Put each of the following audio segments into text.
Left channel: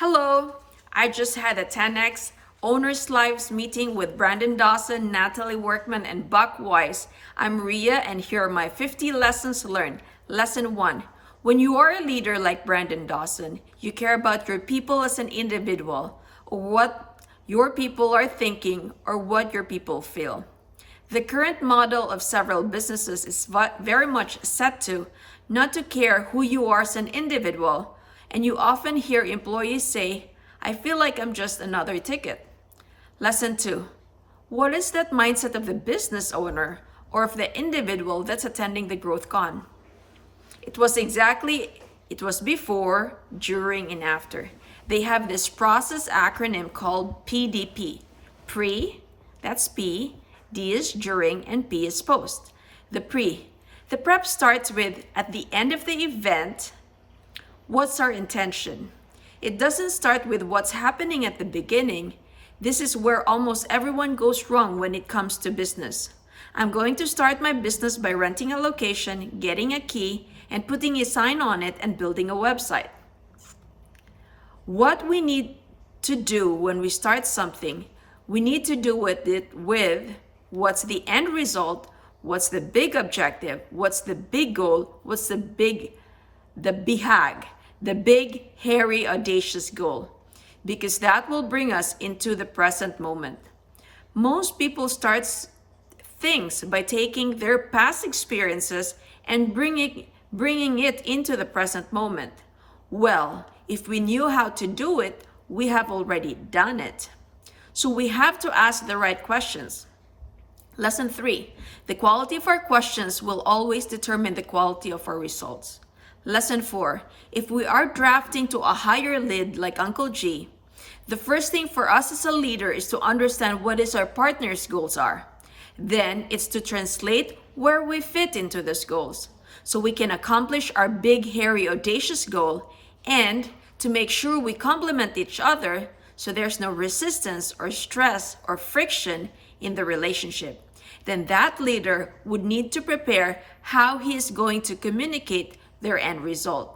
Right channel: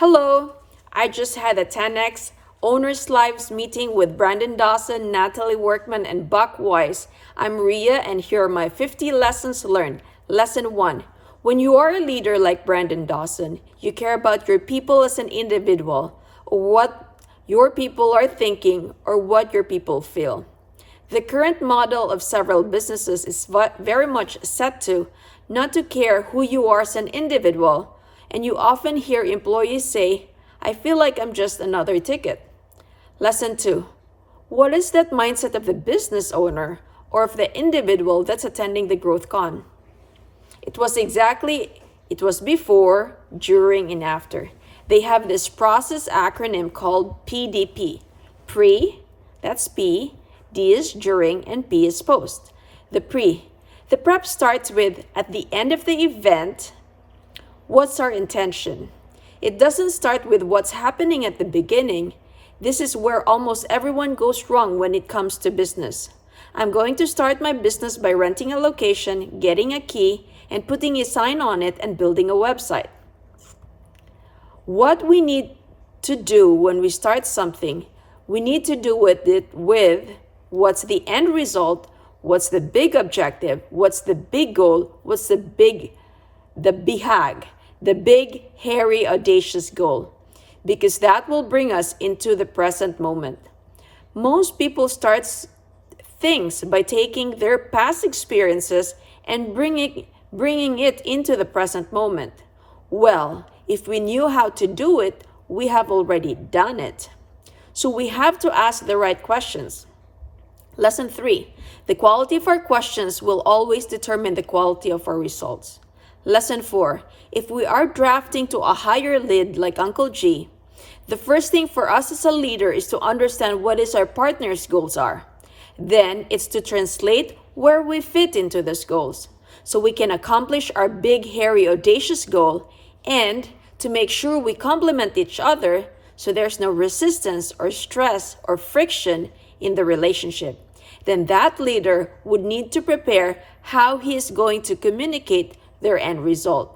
Hello, I just had a 10x OwnersLive meeting with Brandon Dawson, Natalie Workman, and Buck Weiss. I'm Ria, and here are my 50 lessons learned. Lesson 1. When you are a leader like Brandon Dawson, you care about your people as an individual, or what your people are thinking, or what your people feel. The current model of several businesses is very much set to not to care who you are as an individual, and you often hear employees say, I feel like I'm just another ticket. Lesson 2. What is that mindset of the business owner or of the individual that's attending the growth con? It was before, during, and after. They have this process acronym called PDP. Pre, that's P, D is during, and P is post. The prep starts with, at the end of the event, what's our intention? It doesn't start with what's happening at the beginning. This is where almost everyone goes wrong when it comes to business. I'm going to start my business by renting a location, getting a key, and putting a sign on it and building a website. What we need to do when we start something, we need to do it with what's the end result, what's the big objective, what's the big goal, what's the big BHAG, the big, hairy, audacious goal, because that will bring us into the present moment. Most people start things by taking their past experiences and bringing it into the present moment. Well, if we knew how to do it, we have already done it. So we have to ask the right questions. Lesson 3. The quality of our questions will always determine the quality of our results. Lesson 4. If we are drafting to a higher lead like Uncle G, the first thing for us as a leader is to understand what our partner's goals are. Then it's to translate where we fit into those goals so we can accomplish our big, hairy, audacious goal, and to make sure we complement each other so there's no resistance or stress or friction in the relationship. Then that leader would need to prepare how he is going to communicate their end result.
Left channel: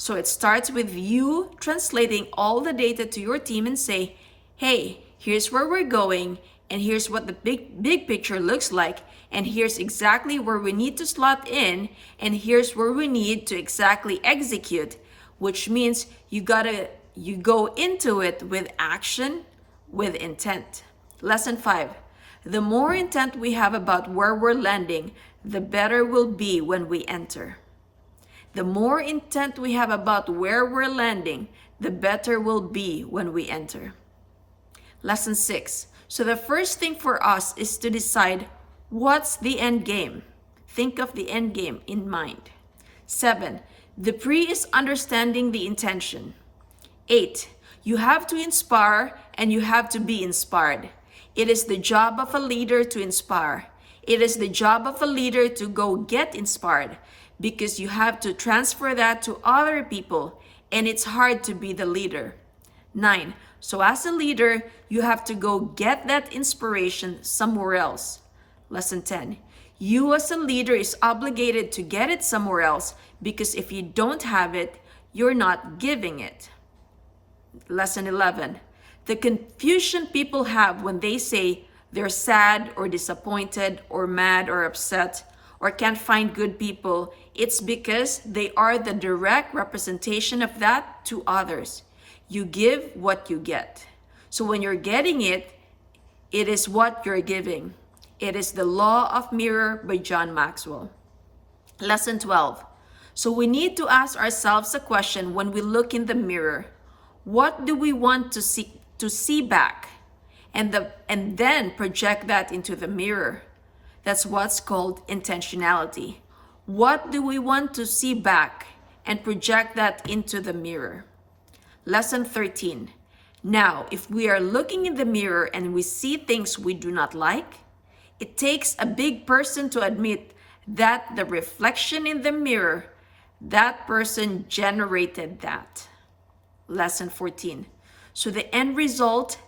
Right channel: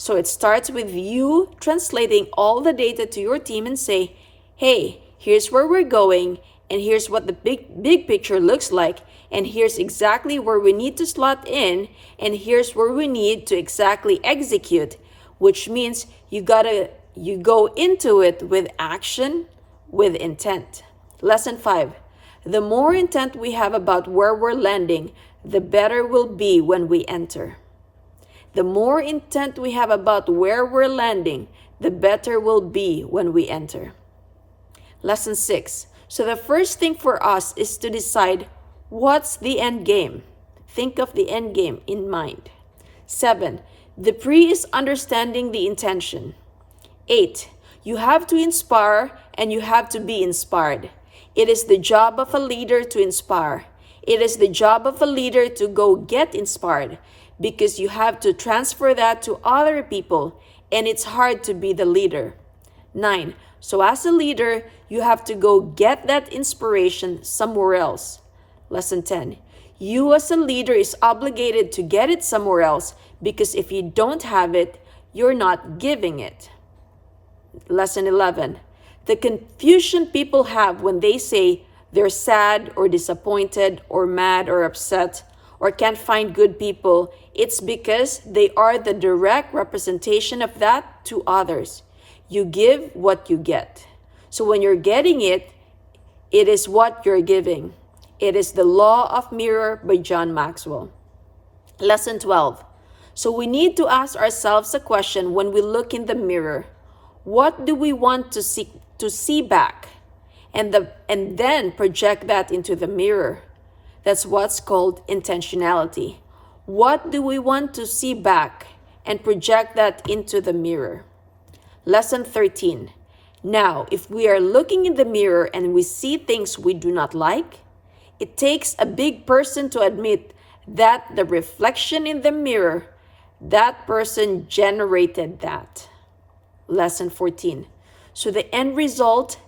So it starts with you translating all the data to your team and say, hey, here's where we're going, and here's what the big picture looks like, and here's exactly where we need to slot in, and here's where we need to exactly execute, which means you go into it with action, with intent. Lesson 5. The more intent we have about where we're landing, the better we'll be when we enter. The more intent we have about where we're landing, the better we'll be when we enter. Lesson 6. So the first thing for us is to decide what's the end game. Think of the end game in mind. 7. The pre is understanding the intention. 8. You have to inspire and you have to be inspired. It is the job of a leader to inspire. It is the job of a leader to go get inspired, because you have to transfer that to other people, and it's hard to be the leader. 9. So as a leader, you have to go get that inspiration somewhere else. Lesson 10. You as a leader is obligated to get it somewhere else, because if you don't have it, you're not giving it. Lesson 11. The confusion people have when they say they're sad or disappointed or mad or upset or can't find good people, it's because they are the direct representation of that to others. You give what you get. So when you're getting it, it is what you're giving. It is the law of mirror by John Maxwell. Lesson 12. So we need to ask ourselves a question when we look in the mirror. What do we want to see back? And then project that into the mirror. That's what's called intentionality. What do we want to see back and project that into the mirror? Lesson 13. Now, if we are looking in the mirror and we see things we do not like, it takes a big person to admit that the reflection in the mirror, that person generated that. Lesson 14. So the end result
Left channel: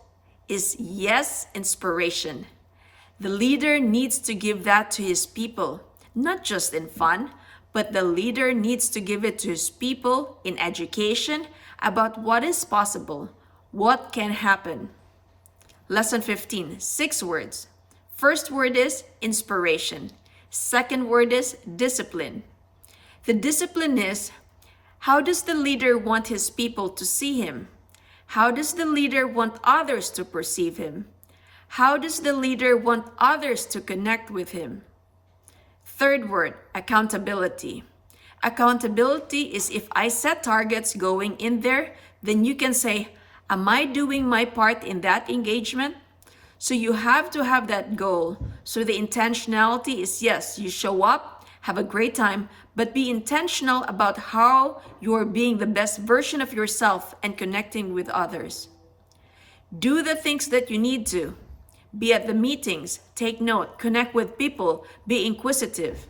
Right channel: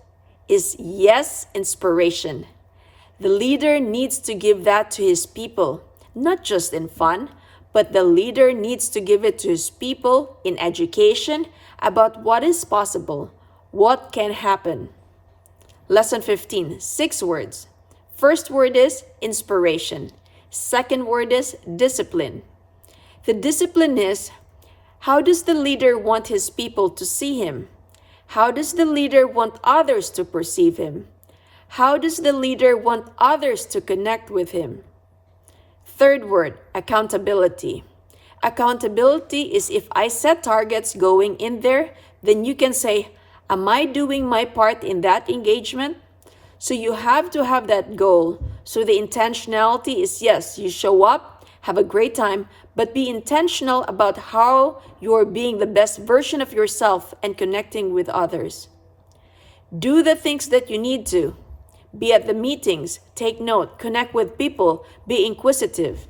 is yes, inspiration. The leader needs to give that to his people, not just in fun, but the leader needs to give it to his people in education, about what is possible, what can happen. Lesson 15, 6 words. First word is inspiration. Second word is discipline. The discipline is, how does the leader want his people to see him? How does the leader want others to perceive him? How does the leader want others to connect with him? Third word, accountability. Accountability is if I set targets going in there, then you can say, am I doing my part in that engagement? So you have to have that goal. So the intentionality is, yes, you show up, have a great time, but be intentional about how you're being the best version of yourself and connecting with others. Do the things that you need to. Be at the meetings, take note, connect with people, be inquisitive.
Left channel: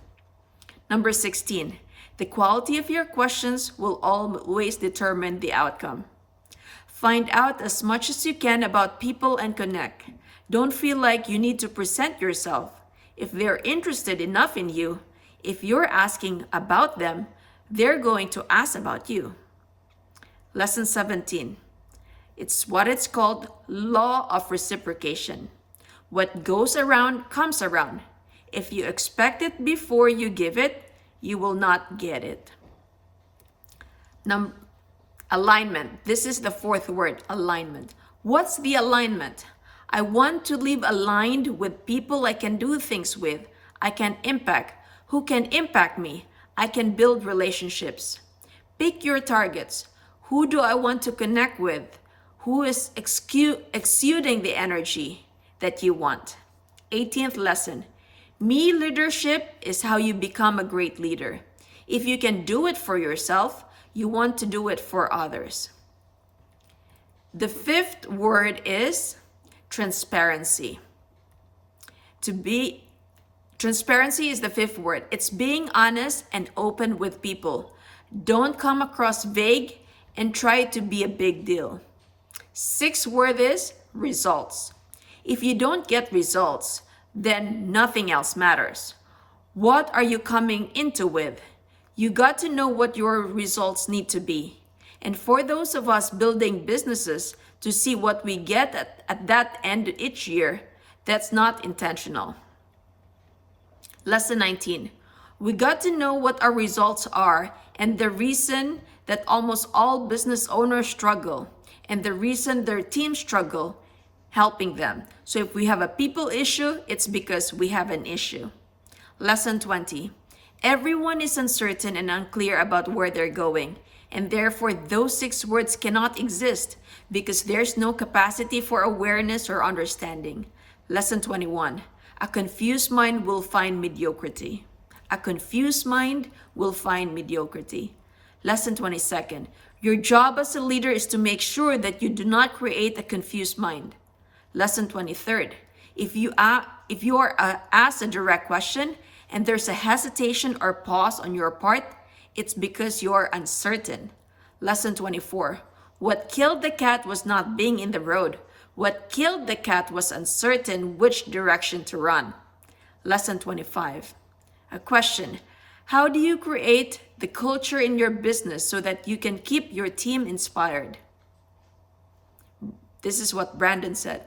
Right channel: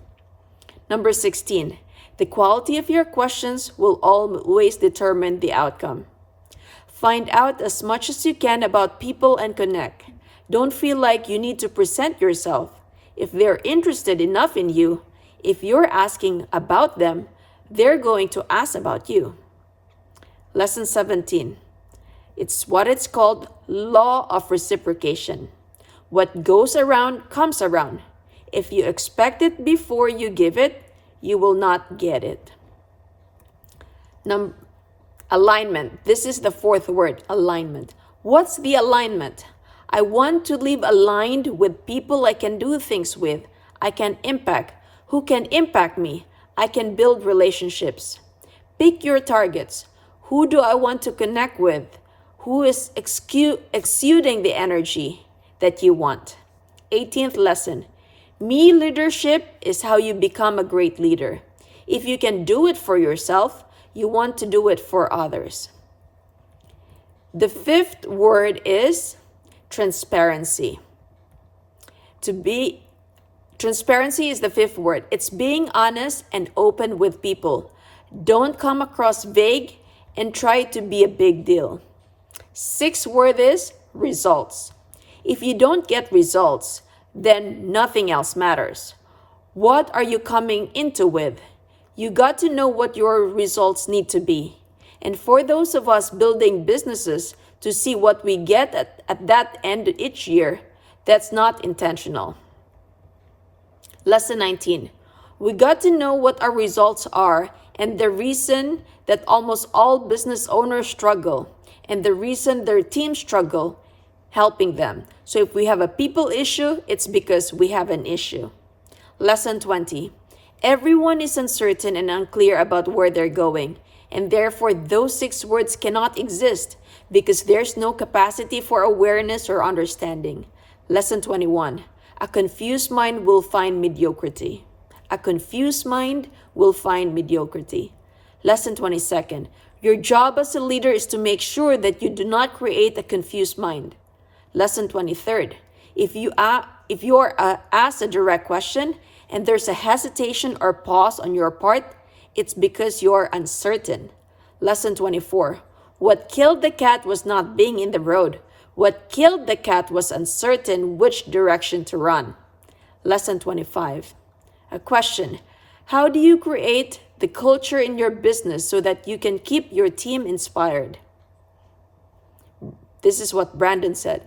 Number 16, the quality of your questions will always determine the outcome. Find out as much as you can about people and connect. Don't feel like you need to present yourself. If they're interested enough in you, if you're asking about them, they're going to ask about you. Lesson 17. It's what it's called law of reciprocation. What goes around comes around. If you expect it before you give it, you will not get it. Alignment. This is the fourth word, alignment. What's the alignment? I want to live aligned with people I can do things with, I can impact, who can impact me. I can build relationships. Pick your targets. Who do I want to connect with? Who is exuding the energy that you want? 18th lesson. Me leadership is how you become a great leader. If you can do it for yourself, you want to do it for others. The fifth word is transparency. Transparency is the fifth word. It's being honest and open with people. Don't come across vague and try to be a big deal. Sixth word is results. If you don't get results, then nothing else matters. What are you coming into with? You got to know what your results need to be. And for those of us building businesses to see what we get at that end each year, that's not intentional. Lesson 19. We got to know what our results are and the reason that almost all business owners struggle and the reason their teams struggle helping them. So if we have a people issue, it's because we have an issue. Lesson 20. Everyone is uncertain and unclear about where they're going, and therefore those 6 words cannot exist because there's no capacity for awareness or understanding. Lesson 21. A confused mind will find mediocrity. A confused mind will find mediocrity. Lesson 22. Your job as a leader is to make sure that you do not create a confused mind. Lesson 23. If you are asked a direct question and there's a hesitation or pause on your part, it's because you're uncertain. Lesson 24. What killed the cat was not being in the road. What killed the cat was uncertain which direction to run. Lesson 25. A question. How do you create the culture in your business so that you can keep your team inspired? This is what Brandon said.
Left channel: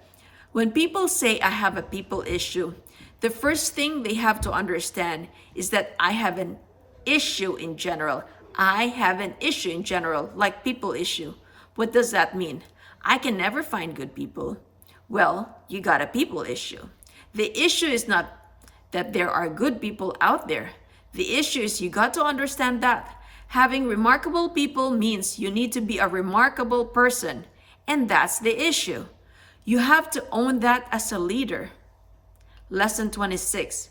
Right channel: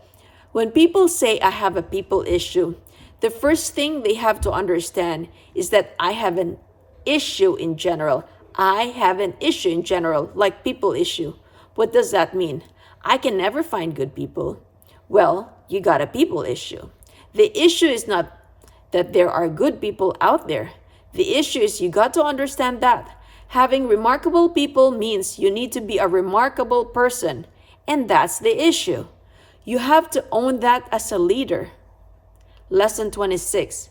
When people say I have a people issue, the first thing they have to understand is that I have an issue in general. I have an issue in general, like people issue. What does that mean? I can never find good people. Well, you got a people issue. The issue is not that there are good people out there. The issue is you got to understand that. Having remarkable people means you need to be a remarkable person. And that's the issue. You have to own that as a leader. Lesson 26.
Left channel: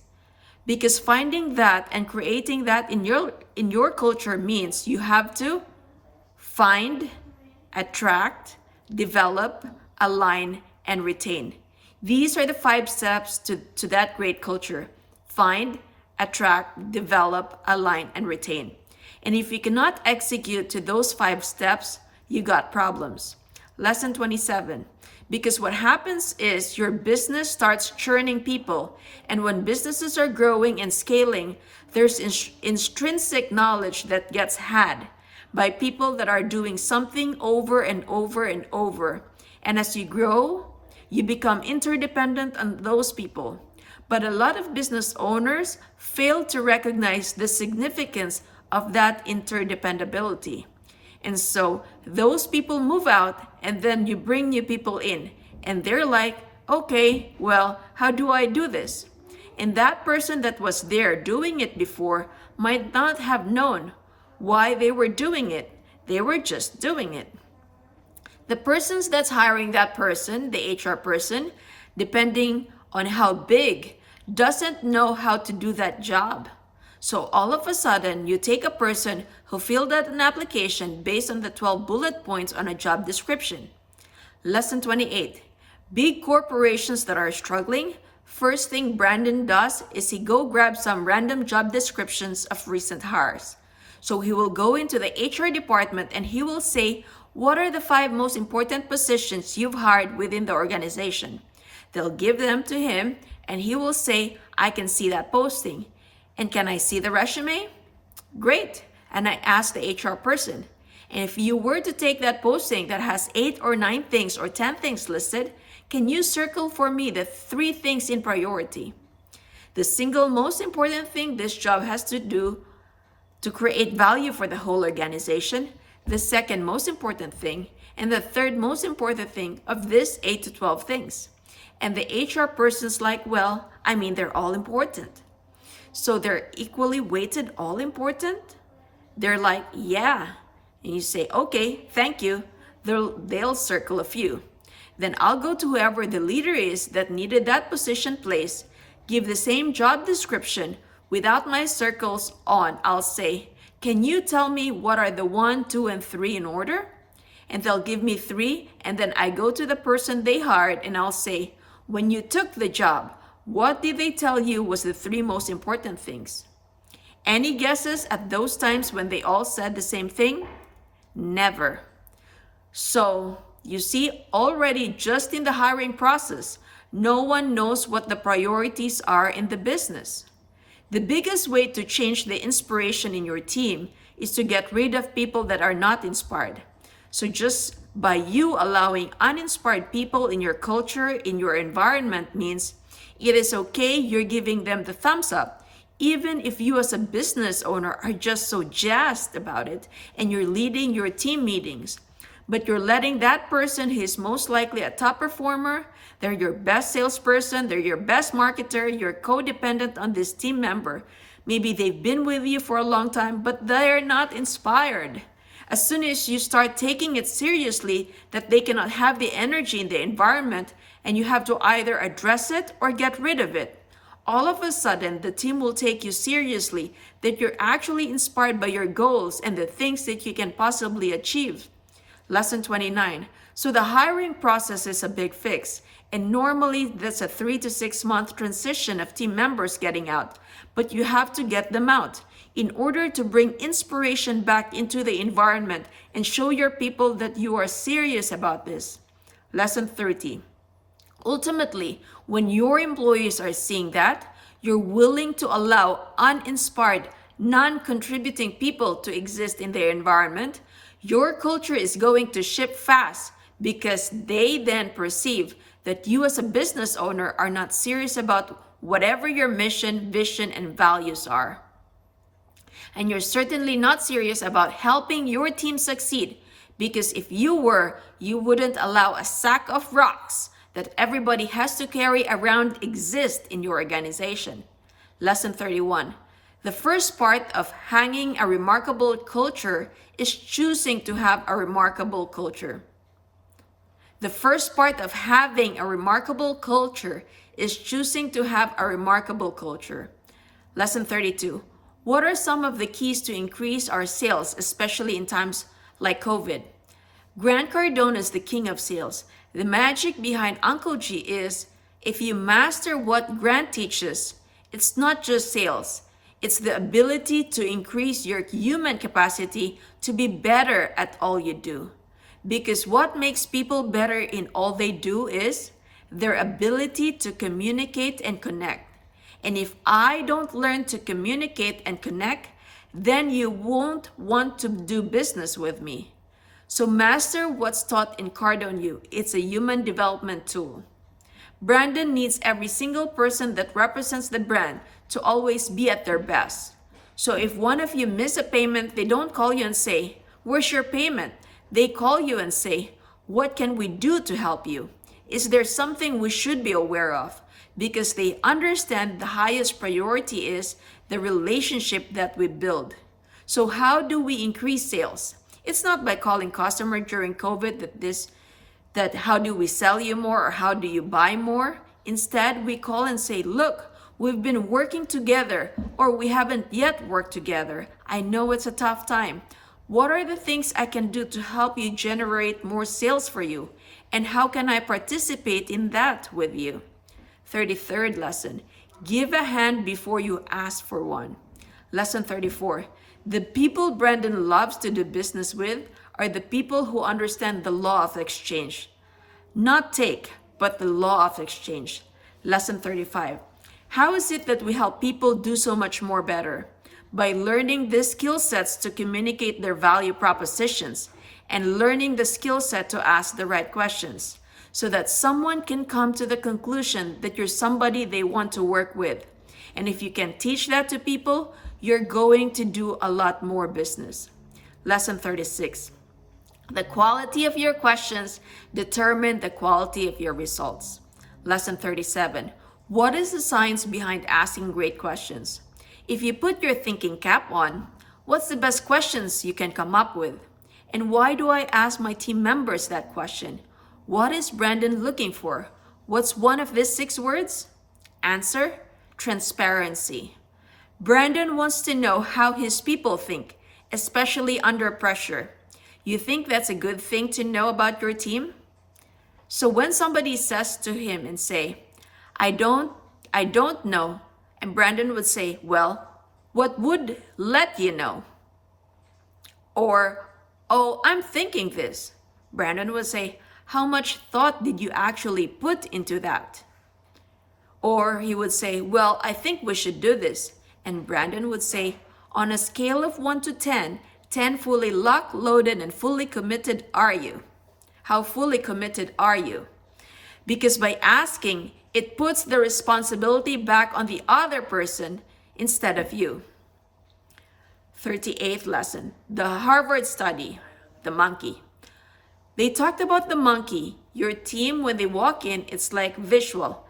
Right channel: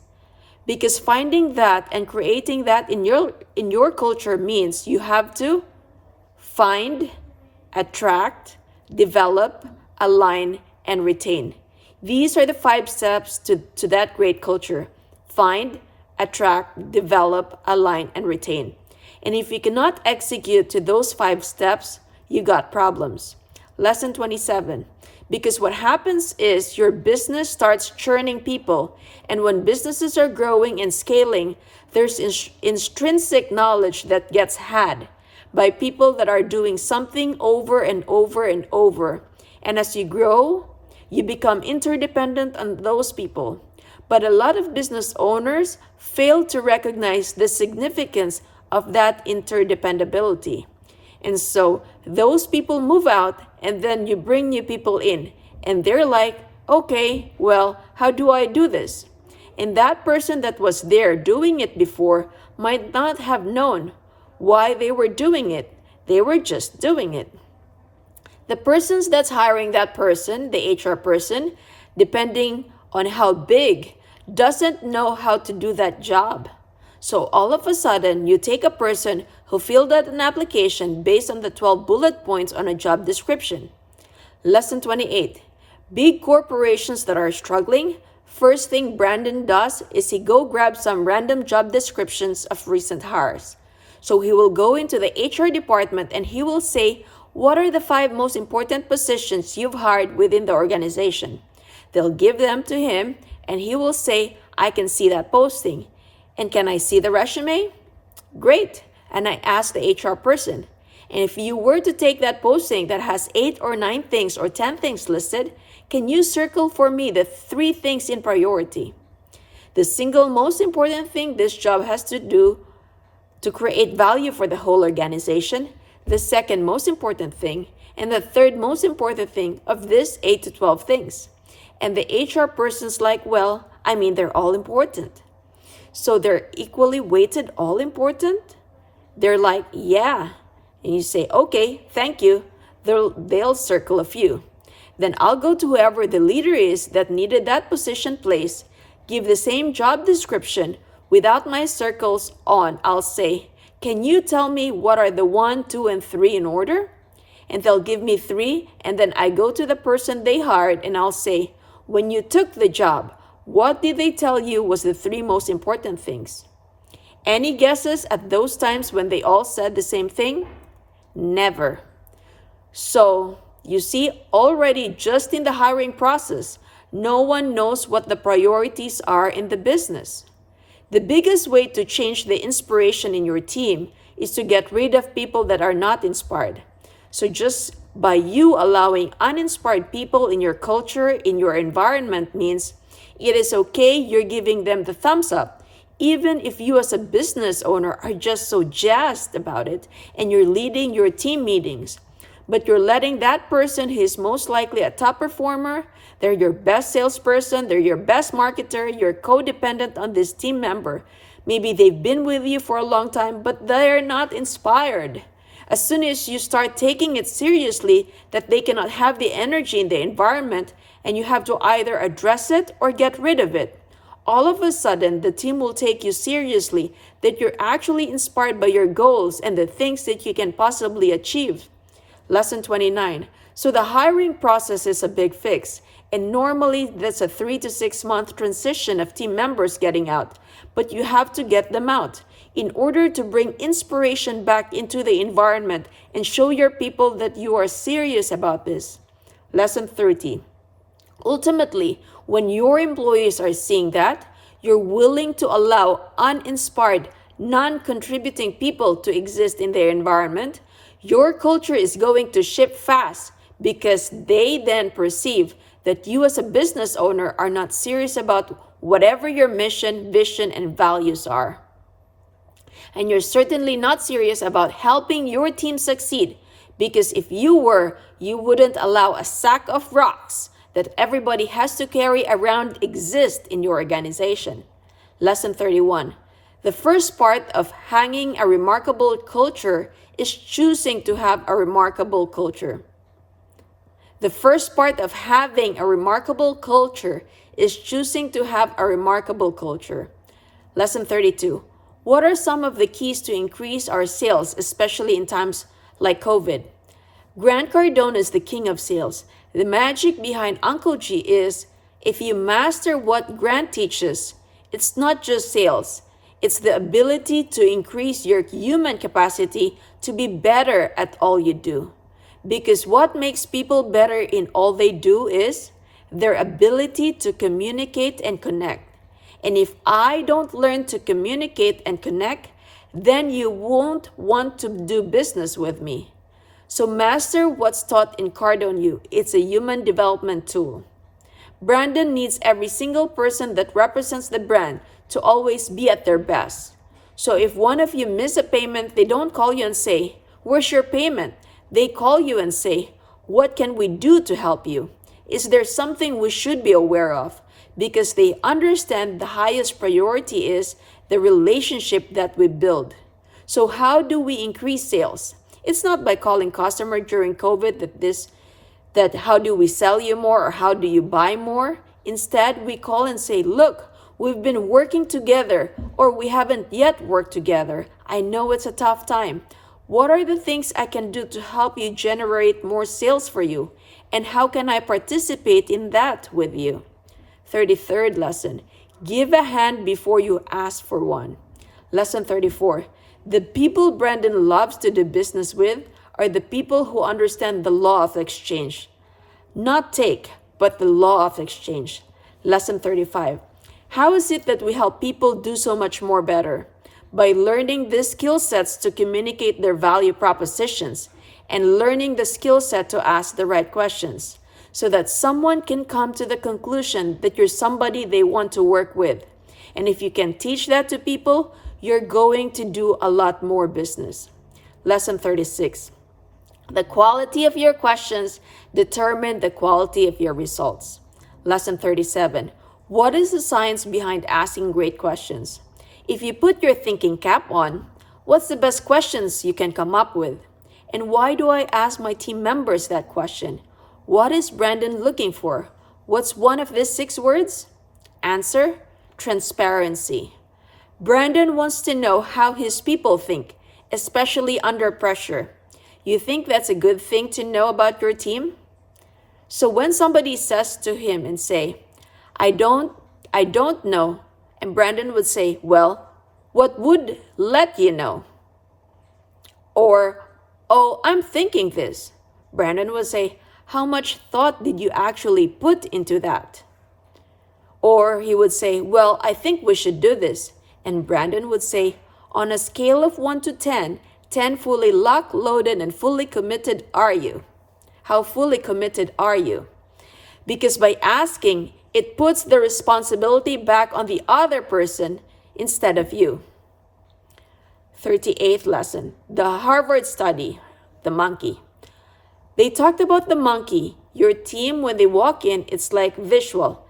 Because finding that and creating that in your culture means you have to find, attract, develop, align, and retain. These are the 5 steps to that great culture. Find, attract, develop, align, and retain. And if you cannot execute to those 5 steps, you got problems. Lesson 27. Because what happens is your business starts churning people. And when businesses are growing and scaling, there's intrinsic knowledge that gets had. by people that are doing something over and over and over. And as you grow, you become interdependent on those people. But a lot of business owners fail to recognize the significance of that interdependability. And so those people move out, and then you bring new people in. And they're like, okay, well, how do I do this? And that person that was there doing it before might not have known why they were doing it. They were just doing it. The persons that's hiring that person, the HR person, depending on how big, doesn't know how to do that job. So all of a sudden, you take a person who filled out an application based on the 12 bullet points on a job description. Lesson 28. Big corporations that are struggling, first thing Brandon does is he go grab some random job descriptions of recent hires. So he will go into the HR department and he will say, what are the 5 most important positions you've hired within the organization? They'll give them to him and he will say, I can see that posting. And can I see the resume? Great. And I ask the HR person, and if you were to take that posting that has 8 or 9 things or 10 things listed, can you circle for me the 3 things in priority? The single most important thing this job has to do to create value for the whole organization, the second most important thing, and the third most important thing of this 8 to 12 things. And the HR person's like, well, they're all important. So they're equally weighted, all important? They're like, yeah. And you say, okay, thank you. They'll circle a few. Then I'll go to whoever the leader is that needed that position placed, give the same job description without my circles on. I'll say, can you tell me what are the 1, 2, and 3 in order? And they'll give me 3, and then I go to the person they hired and I'll say, when you took the job, what did they tell you was the 3 most important things? Any guesses at those times when they all said the same thing? Never. So, you see, already just in the hiring process, no one knows what the priorities are in the business. The biggest way to change the inspiration in your team is to get rid of people that are not inspired. So just by you allowing uninspired people in your culture, in your environment means it is okay you're giving them the thumbs up, even if you as a business owner are just so jazzed about it and you're leading your team meetings. But you're letting that person who is most likely a top performer, they're your best salesperson, they're your best marketer, you're codependent on this team member. Maybe they've been with you for a long time, but they're not inspired. As soon as you start taking it seriously that they cannot have the energy in the environment, and you have to either address it or get rid of it, all of a sudden the team will take you seriously, that you're actually inspired by your goals and the things that you can possibly achieve. Lesson 29. So the hiring process is a big fix, and normally that's a 3 to 6 month transition of team members getting out, but you have to get them out in order to bring inspiration back into the environment and show your people that you are serious about this. Lesson 30. Ultimately, when your employees are seeing that, you're willing to allow uninspired, non-contributing people to exist in their environment, your culture is going to shift fast because they then perceive that you as a business owner are not serious about whatever your mission, vision, and values are. And you're certainly not serious about helping your team succeed, because if you were, you wouldn't allow a sack of rocks that everybody has to carry around exist in your organization. Lesson 31. The first part of hanging a remarkable culture is choosing to have a remarkable culture. The first part of having a remarkable culture is choosing to have a remarkable culture. Lesson 32. What are some of the keys to increase our sales, especially in times like COVID? Grant Cardone is the king of sales. The magic behind Uncle G is, if you master what Grant teaches, it's not just sales. It's the ability to increase your human capacity to be better at all you do. Because what makes people better in all they do is their ability to communicate and connect. And if I don't learn to communicate and connect, then you won't want to do business with me. So master what's taught in Cardone U. It's a human development tool. Brandon needs every single person that represents the brand to always be at their best. So if one of you miss a payment, they don't call you and say, "Where's your payment?" They call you and say, "What can we do to help you? Is there something we should be aware of?" Because they understand the highest priority is the relationship that we build. So how do we increase sales? It's not by calling customer during COVID that how do we sell you more or how do you buy more? Instead, we call and say, "Look, we've been working together or we haven't yet worked together. I know it's a tough time. What are the things I can do to help you generate more sales for you? And how can I participate in that with you?" 33rd lesson, give a hand before you ask for one. Lesson 34, the people Brandon loves to do business with are the people who understand the law of exchange. Not take, but the law of exchange. Lesson 35, how is it that we help people do so much more better? By learning the skill sets to communicate their value propositions and learning the skill set to ask the right questions so that someone can come to the conclusion that you're somebody they want to work with. And if you can teach that to people, you're going to do a lot more business. Lesson 36. The quality of your questions determine the quality of your results. Lesson 37. What is the science behind asking great questions? If you put your thinking cap on, what's the best questions you can come up with? And why do I ask my team members that question? What is Brandon looking for? What's one of these 6 words? Answer: transparency. Brandon wants to know how his people think, especially under pressure. You think that's a good thing to know about your team? So when somebody says to him and say, I don't know, and Brandon would say, well, what would let you know? Or, oh, I'm thinking this. Brandon would say, how much thought did you actually put into that? Or he would say, well, I think we should do this. And Brandon would say, on a scale of 1 to 10, 10 fully locked, loaded, and fully committed are you? How fully committed are you? Because by asking, it puts the responsibility back on the other person instead of you. 38th lesson, the Harvard study, the monkey. They talked about the monkey. Your team, when they walk in, it's like visual.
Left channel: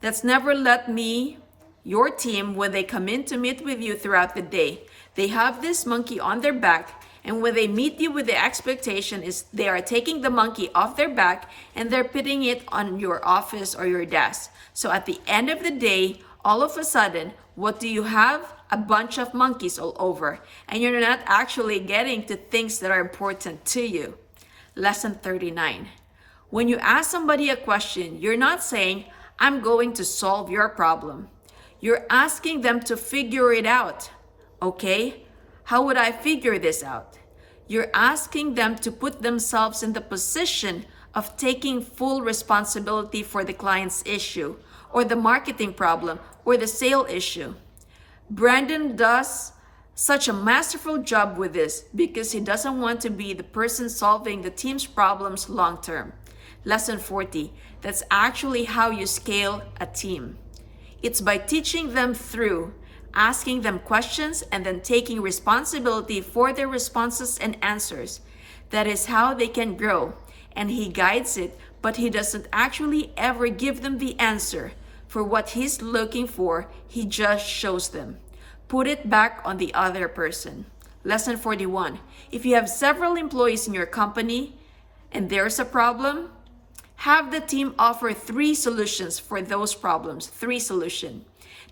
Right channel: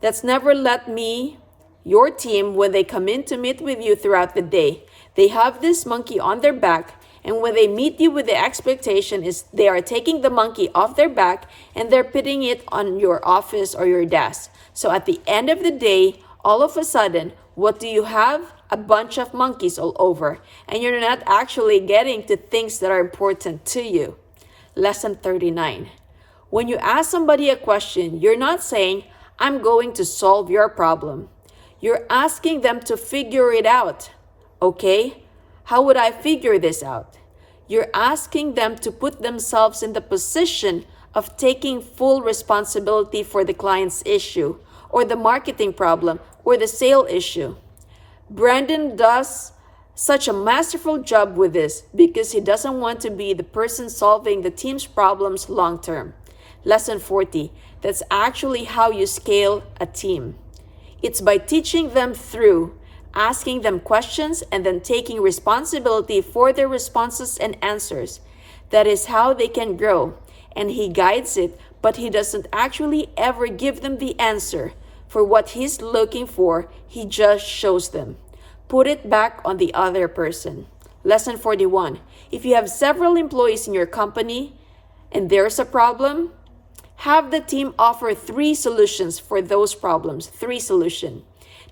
That's never let me, your team, when they come in to meet with you throughout the day, they have this monkey on their back, and when they meet you with the expectation is they are taking the monkey off their back and they're putting it on your office or your desk. So at the end of the day, all of a sudden, what do you have? A bunch of monkeys all over, and you're not actually getting to things that are important to you. Lesson 39. When you ask somebody a question, you're not saying, I'm going to solve your problem. You're asking them to figure it out. Okay, how would I figure this out? You're asking them to put themselves in the position of taking full responsibility for the client's issue, or the marketing problem, or the sale issue. Brandon does such a masterful job with this because he doesn't want to be the person solving the team's problems long term. Lesson 40, that's actually how you scale a team. It's by teaching them through asking them questions and then taking responsibility for their responses and answers. That is how they can grow. And he guides it, but he doesn't actually ever give them the answer for what he's looking for. He just shows them. Put it back on the other person. Lesson 41. If you have several employees in your company and there's a problem, have the team offer 3 solutions for those problems. 3 solutions.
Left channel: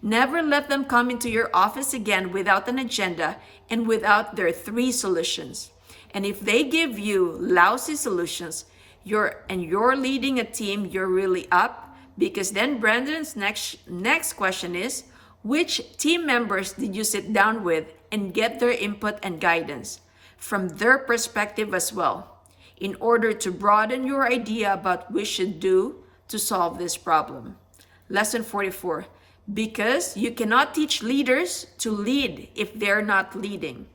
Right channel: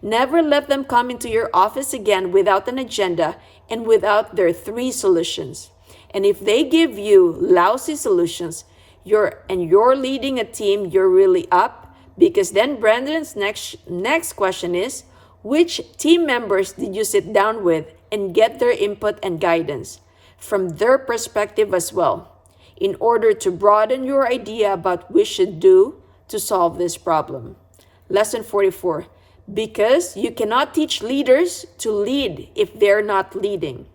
Never let them come into your office again without an agenda and without their 3 solutions. And if they give you lousy solutions, you're leading a team, you're really up, because then Brandon's next question is, which team members did you sit down with and get their input and guidance from their perspective as well, in order to broaden your idea about what we should do to solve this problem. Lesson 44. because you cannot teach leaders to lead if they're not leading.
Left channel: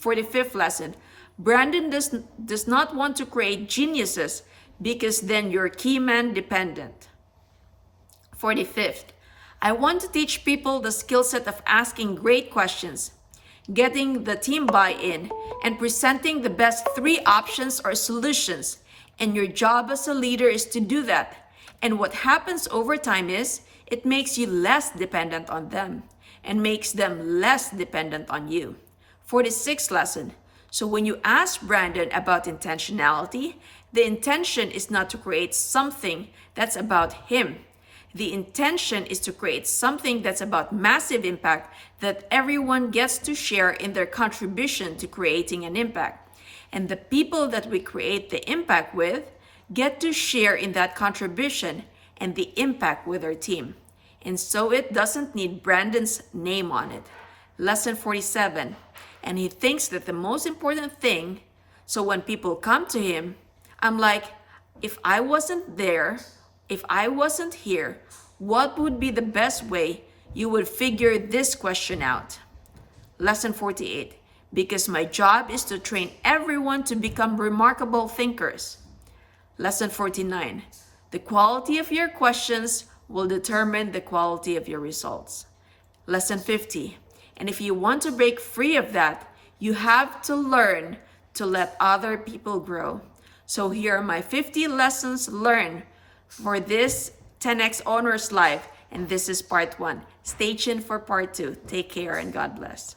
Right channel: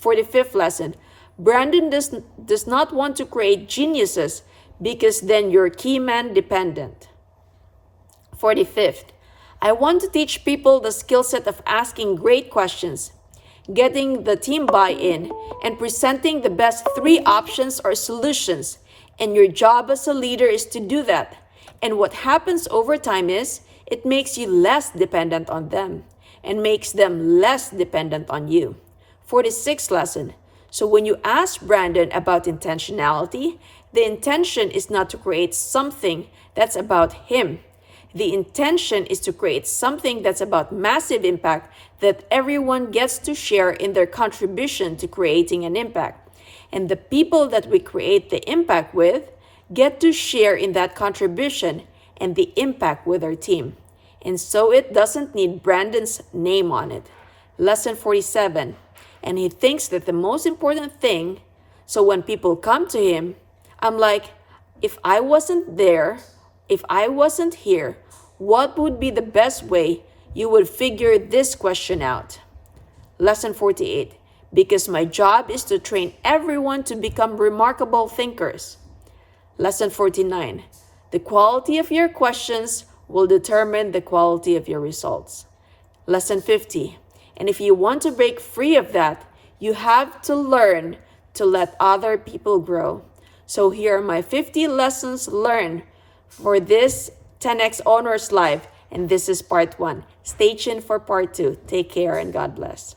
45th lesson, Brandon does not want to create geniuses because then you're key man dependent. 45th, I want to teach people the skill set of asking great questions, getting the team buy-in, and presenting the best 3 options or solutions. And your job as a leader is to do that. And what happens over time is it makes you less dependent on them and makes them less dependent on you. 46th lesson. So when you ask Brandon about intentionality, the intention is not to create something that's about him. The intention is to create something that's about massive impact that everyone gets to share in their contribution to creating an impact. And the people that we create the impact with get to share in that contribution and the impact with our team. And so it doesn't need Brandon's name on it. Lesson 47. And he thinks that the most important thing, so when people come to him, I'm like, if I wasn't there, if I wasn't here, what would be the best way you would figure this question out? Lesson 48. Because my job is to train everyone to become remarkable thinkers. Lesson 49. The quality of your questions will determine the quality of your results. Lesson 50. And if you want to break free of that, you have to learn to let other people grow. So here are my 50 lessons learned for this 10X Owners Live, and this is part 1. Stay tuned for part 2. Take care and God bless.